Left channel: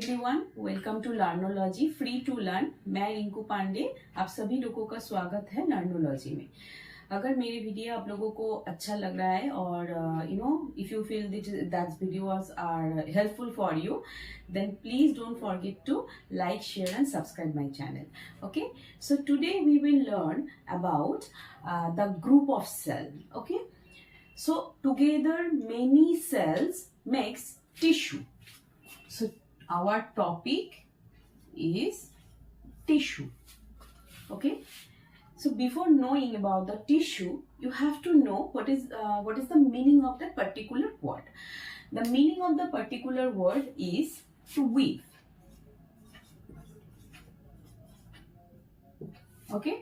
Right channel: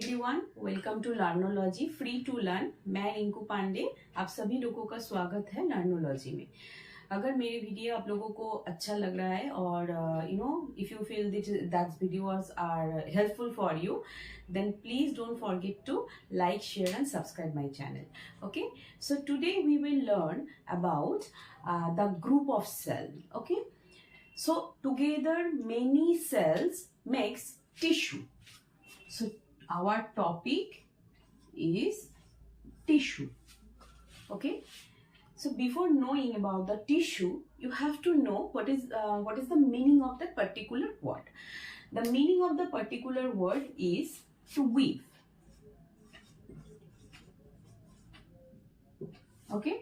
Everyone, welcome to Learnology free to learn. मैं रिंकू पांडे, आप सभी लोगों का स्वागत है लर्नोलॉजी में। अगर मेरी वीडियो आप लोगों को अच्छा लग रहा है और if you feel that videos are helpful for you, then please don't forget to like, share and subscribe my channel. Okay, so today we will learn about the group of cell. Okay, so together many cells makes tissue. So our topic is tissue. Okay, so before knowing about the tissue, you have to know what is the meaning of that particular word. The meaning of the particular word is to weave. Okay,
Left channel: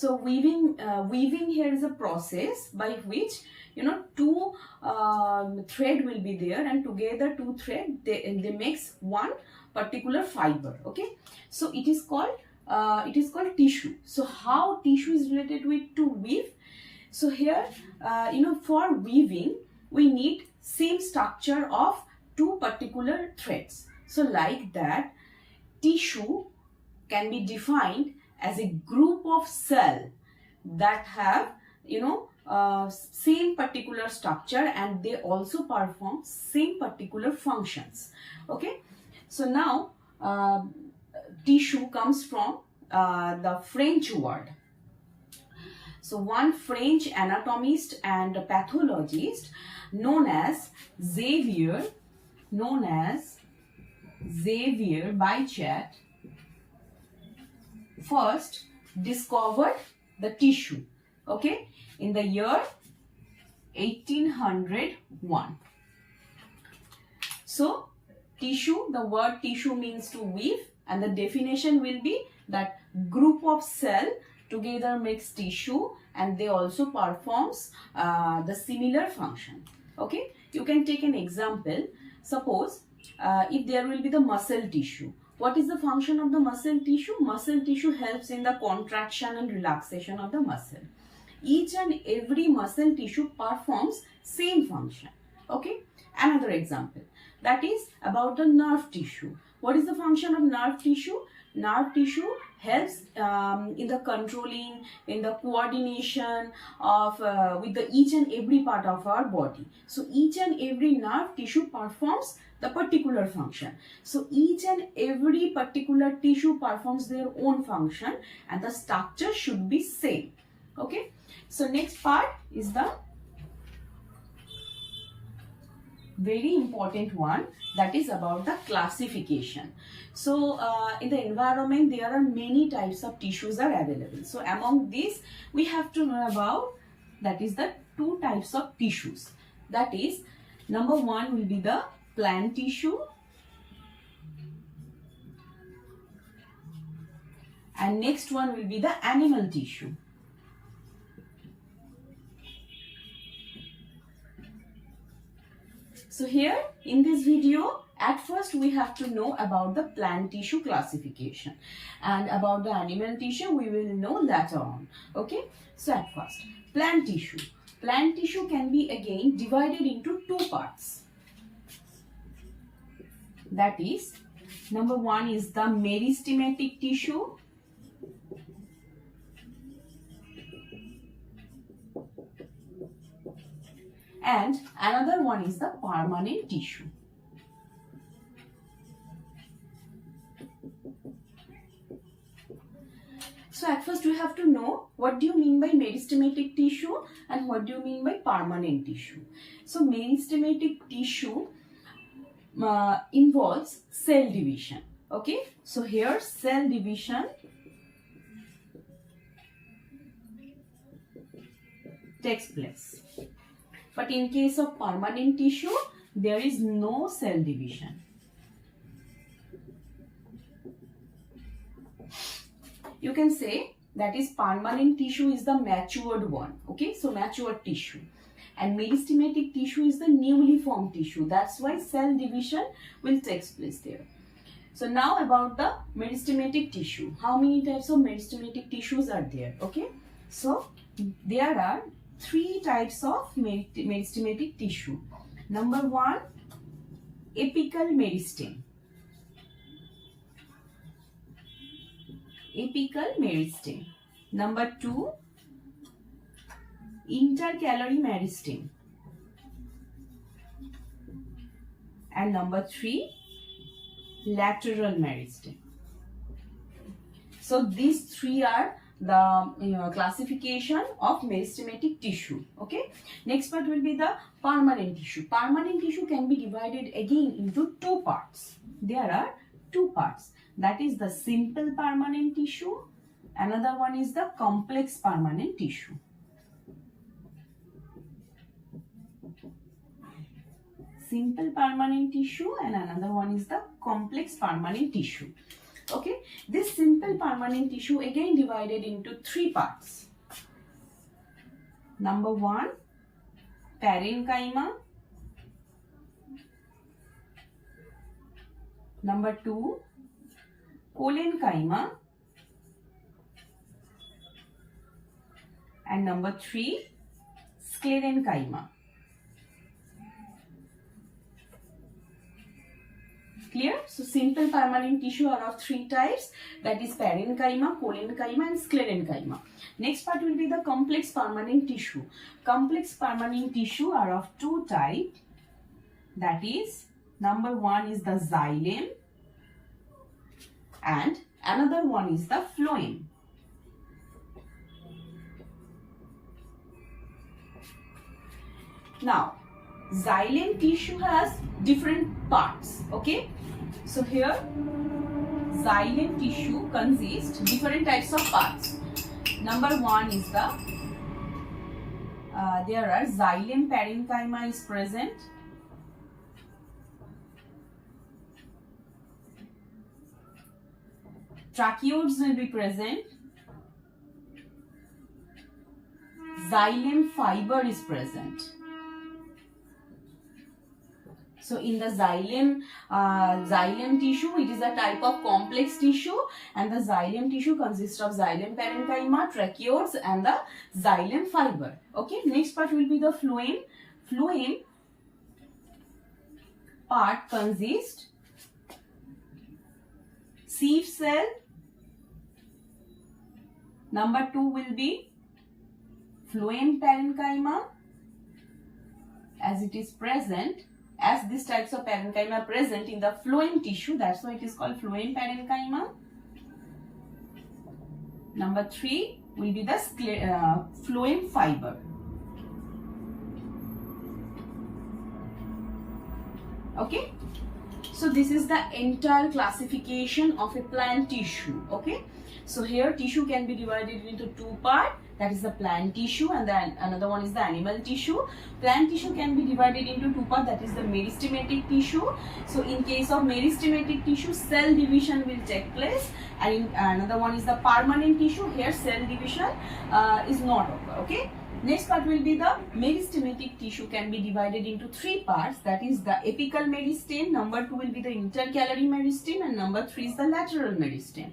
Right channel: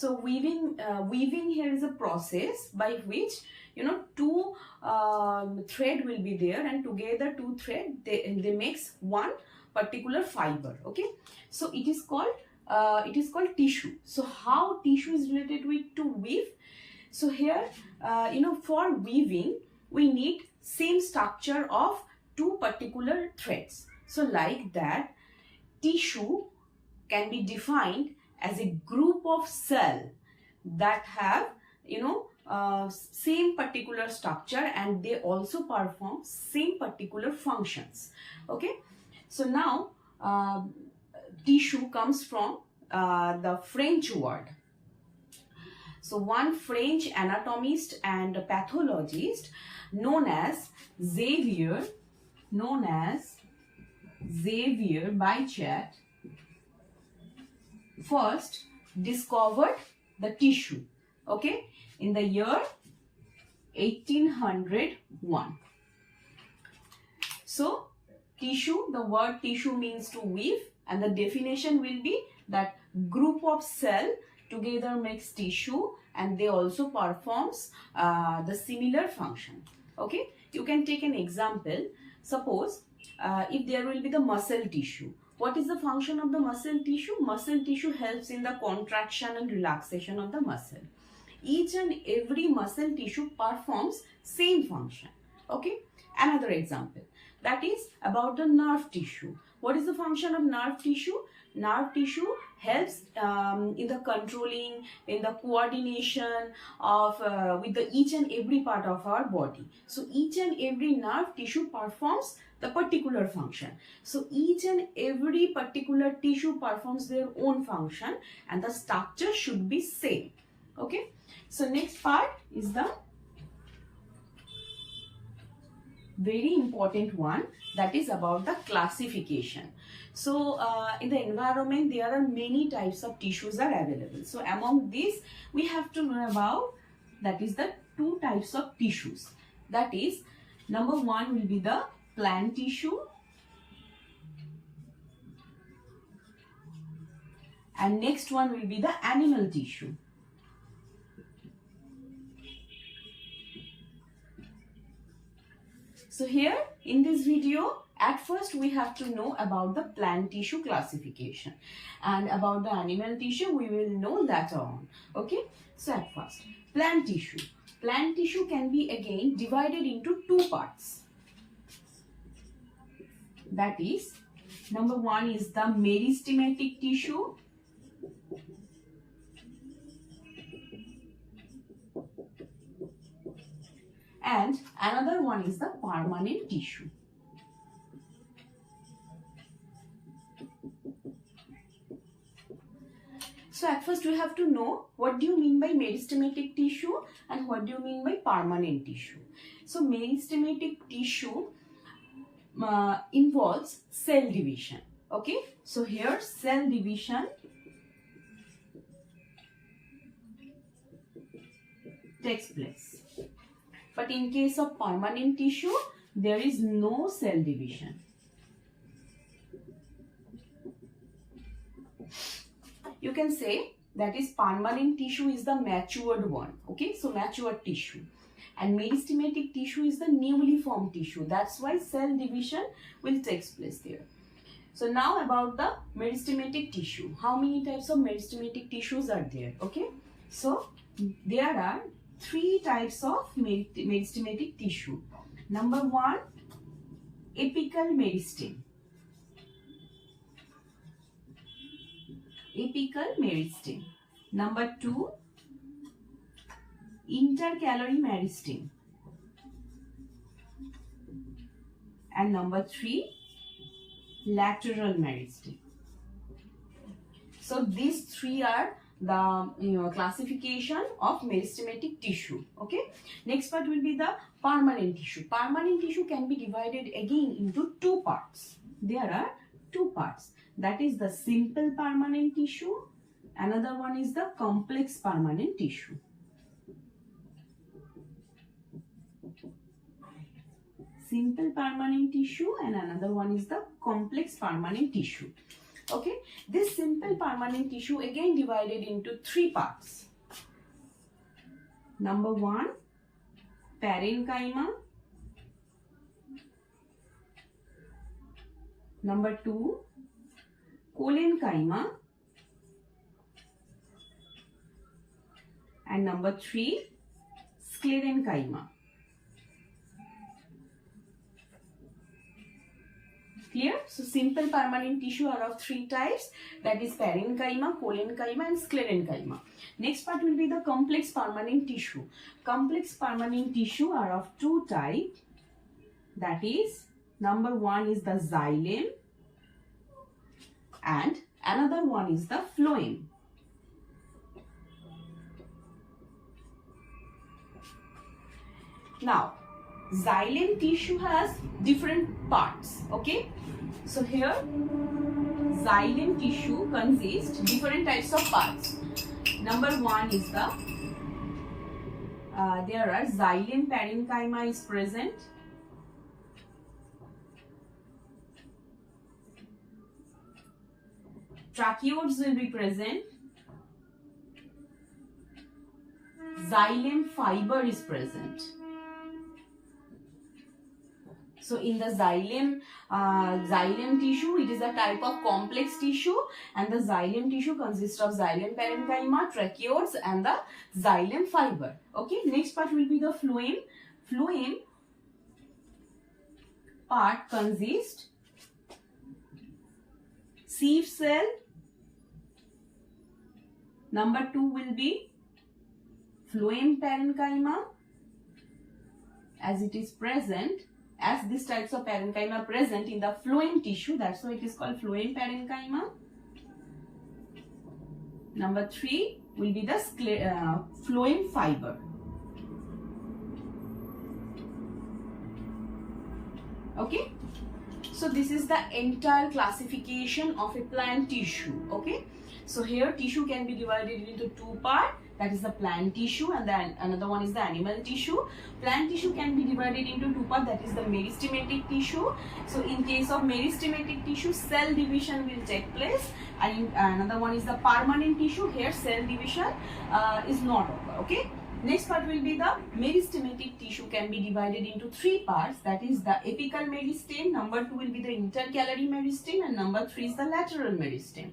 so weaving here is a process by which two thread will be there, and together two thread they makes one particular fiber. Okay, so it is called tissue. So how tissue is related with to weave? So here for weaving we need same structure of two particular threads. So like that, tissue can be defined as a group of cell that have same particular structure, and they also perform same particular functions. Okay, so now tissue comes from the French word. So one French anatomist and pathologist known as Xevier Bichar first discovered the tissue, okay, in the year 1801. So tissue, the word tissue means to weave, and the definition will be that group of cell together makes tissue, and they also performs the similar function. Okay, you can take an example. Suppose if there will be the muscle tissue. What is the function of the muscle tissue? Muscle tissue helps in the contraction and relaxation of the muscle. Each and every muscle tissue performs same function. Okay, another example, that is about the nerve tissue. What is the function of nerve tissue? Nerve tissue helps in the controlling, in the coordination of with the each and every part of our body. So each and every nerve tissue performs the particular function. So each and every particular tissue performs their own function, and the structure should be same. Okay, so next part is the very important one, that is about the classification. So in the environment there are many types of tissues are available. So among these we have to know about, that is the two types of tissues. That is, number one will be the plant tissue, and next one will be the animal tissue. So here in this video, at first we have to know about the plant tissue classification, and about the animal tissue we will know later on. Okay, so at first, plant tissue. Plant tissue can be again divided into two parts. That is, number one is the meristematic tissue, and another one is the permanent tissue. So at first we have to know what do you mean by meristematic tissue and what do you mean by permanent tissue. So meristematic tissue involves cell division. Okay, so here cell division takes place. But in case of permanent tissue, there is no cell division. You can say that is permanent tissue is the matured one. Okay, so matured tissue. And meristematic tissue is the newly formed tissue. That's why cell division will take place there. So now about the meristematic tissue. How many types of meristematic tissues are there? Okay, so there are three types of meristematic tissue. Number one, apical meristem. apical meristem. Number 2, intercalary meristem. And number 3, lateral meristem. So these 3 are the classification of meristematic tissue. Okay. Next part will be the permanent tissue. Permanent tissue can be divided again into 2 parts. There are 2 parts. That is the simple permanent tissue. Another one is the complex permanent tissue. Simple permanent tissue and another one is the complex permanent tissue. Okay, this simple permanent tissue again divided into 3 parts. Number 1, parenchyma. Number 2, collenchyma. And number 3, sclerenchyma. Clear? So simple permanent tissue are of 3 types, that is parenchyma, collenchyma and sclerenchyma. Next part will be the complex permanent tissue. Complex permanent tissue are of 2 types, that is number 1 is the xylem and another one is the phloem. Now xylem tissue has different parts. Okay, so here xylem tissue consists different types of parts. Number 1 is the there are xylem parenchyma is present. Tracheids will be present. Xylem fiber is present. So in the xylem tissue, it is a type of complex tissue, and the xylem tissue consists of xylem parenchyma, tracheids and the xylem fiber. Okay, next part will be the phloem. Phloem part consists sieve cell. Number 2 will be phloem parenchyma, as it is present. As these types of parenchyma are present in the phloem tissue, that's why it is called phloem parenchyma. Number 3 will be the phloem fiber. Okay, so this is the entire classification of a plant tissue. Okay, so here tissue can be divided into 2 parts. That is the plant tissue and then another one is the animal tissue. Plant tissue can be divided into 2 parts, that is the meristematic tissue. So in case of meristematic tissue, cell division will take place, and another one is the permanent tissue. Here cell division is not occur. Okay. Next part will be the meristematic tissue can be divided into 3 parts, that is the apical meristem, number 2 will be the intercalary meristem and number 3 is the lateral meristem.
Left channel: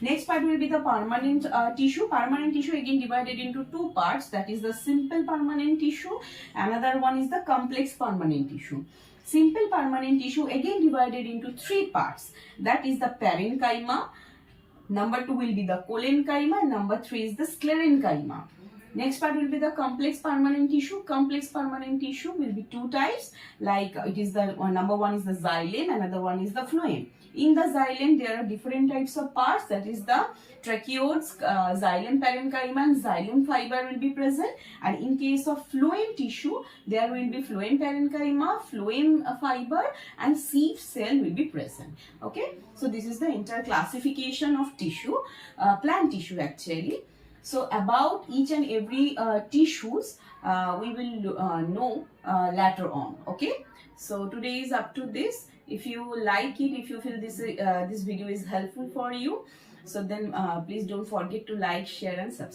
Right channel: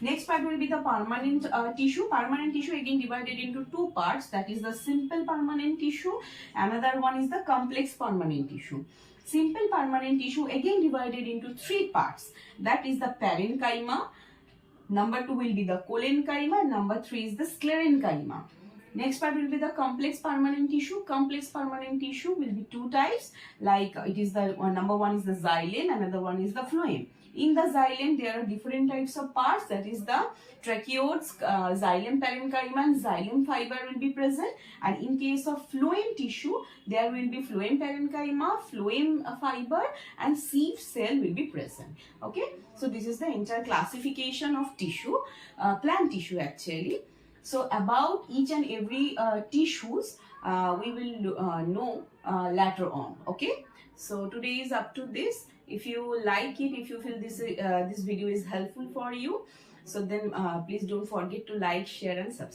Next part will be the permanent tissue. Permanent tissue again divided into 2 parts, that is the simple permanent tissue, another one is the complex permanent tissue. Simple permanent tissue again divided into 3 parts, that is the parenchyma, number 2 will be the collenchyma and number 3 is the sclerenchyma. Next part will be the complex permanent tissue. Complex permanent tissue will be 2 types, like it is the number 1 is the xylem, another one is the phloem. In the xylem, there are different types of parts, that is the tracheids, xylem parenchyma and xylem fiber will be present. And in case of phloem tissue, there will be phloem parenchyma, phloem fiber and sieve cell will be present. Okay, so this is the entire classification of tissue, plant tissue actually. So about each and every tissues, we will know later on. Okay, so today is up to this. If you like it, if you feel this this video is helpful for you, so then please don't forget to like, share and subscribe.